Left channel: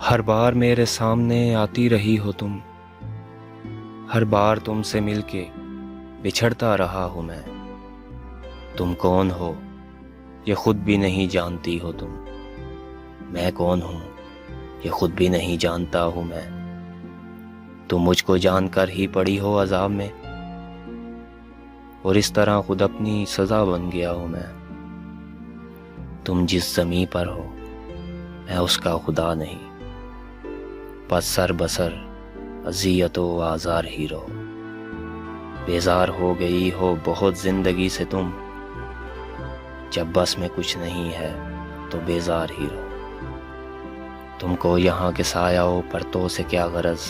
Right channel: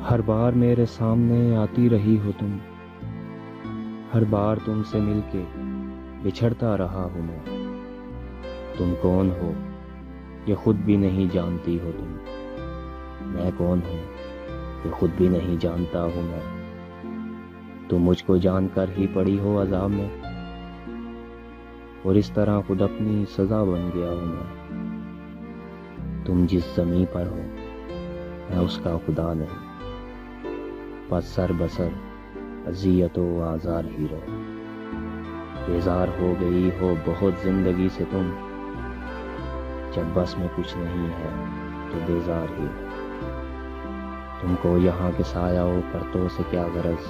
हर बार मेरे सामने आती रही हो तुम, हर बार तुमसे मिलके बिछड़ता रहा हूँ मैं। तुम कौन हो ये खुद भी नहीं जानती हो तुम, मैं कौन हूँ ये खुद भी नहीं जानता हूँ मैं। तुम मुझको जानकर ही पड़ी हो अज़ाब में, और इस तरह खुद अपनी सज़ा बन गया हूँ मैं। तुम जिस ज़मीं पर हो मैं उसका खुदा नहीं, बस सर बसर अज़ियत व आज़ार ही रहो। बेजार हो गई हो बहुत ज़िंदगी से तुम, जब बस में कुछ नहीं है तो बेजार ही रहो। तुमको यहाँ के सायाओं परतों से क्या गरज,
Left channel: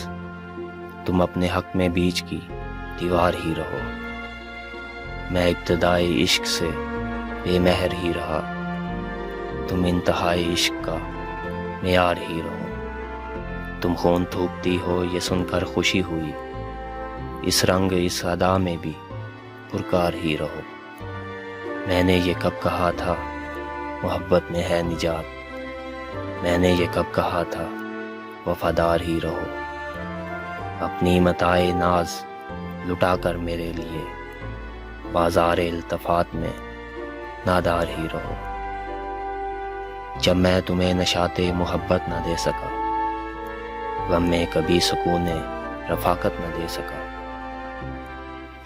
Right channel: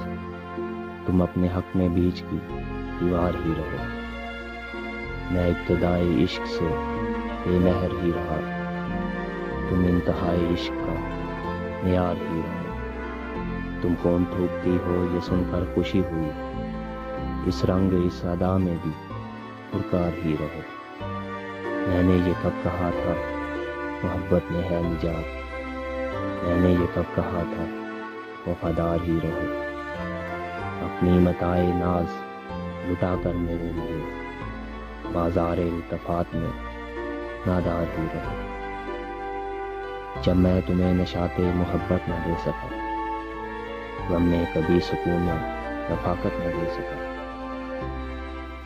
तुम अपने हक में बीच की दीवार ही रहो। मैं इब्तिदाई इश्क से बेमहर ही रहा, तुम इंतहाई इश्क का मेयार ही रहो। तुम खून थूकती हो ये सुनकर खुशी हुई, इस रंग इस अदा में भी पुरकार ही रहो। मैंने ये कब कहा था मोहब्बत में है निजात, मैंने ये कब कहा था वफादार ही रहो। अपनी मताए नाज लुटा कर मेरे लिए बाजार इल्तफात में नादार ही रहो। जब मैं तुम्हें नशाते मोहब्बत न दे सका, गम में कभी सुकून रफाकत न दे सका।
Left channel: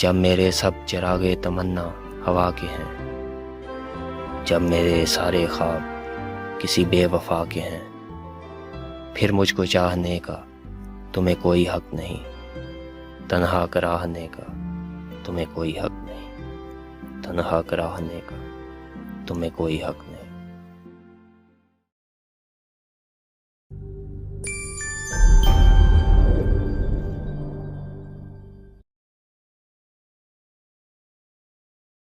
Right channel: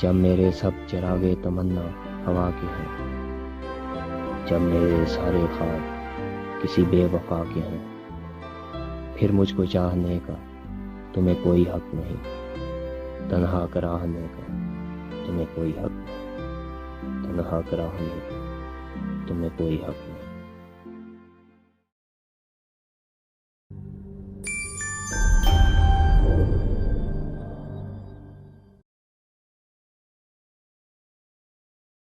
जब मेरे सब चिरागे तमन्ना हवा के हैं, जब मेरे सारे ख्वाब किसी बेवफा के हैं, फिर मुझको चाहने का तुम्हें कोई हक नहीं, तन्हा कराहने का तुम्हें कोई हक नहीं, तन्हा कराहने का तुम्हें कोई हक नहीं।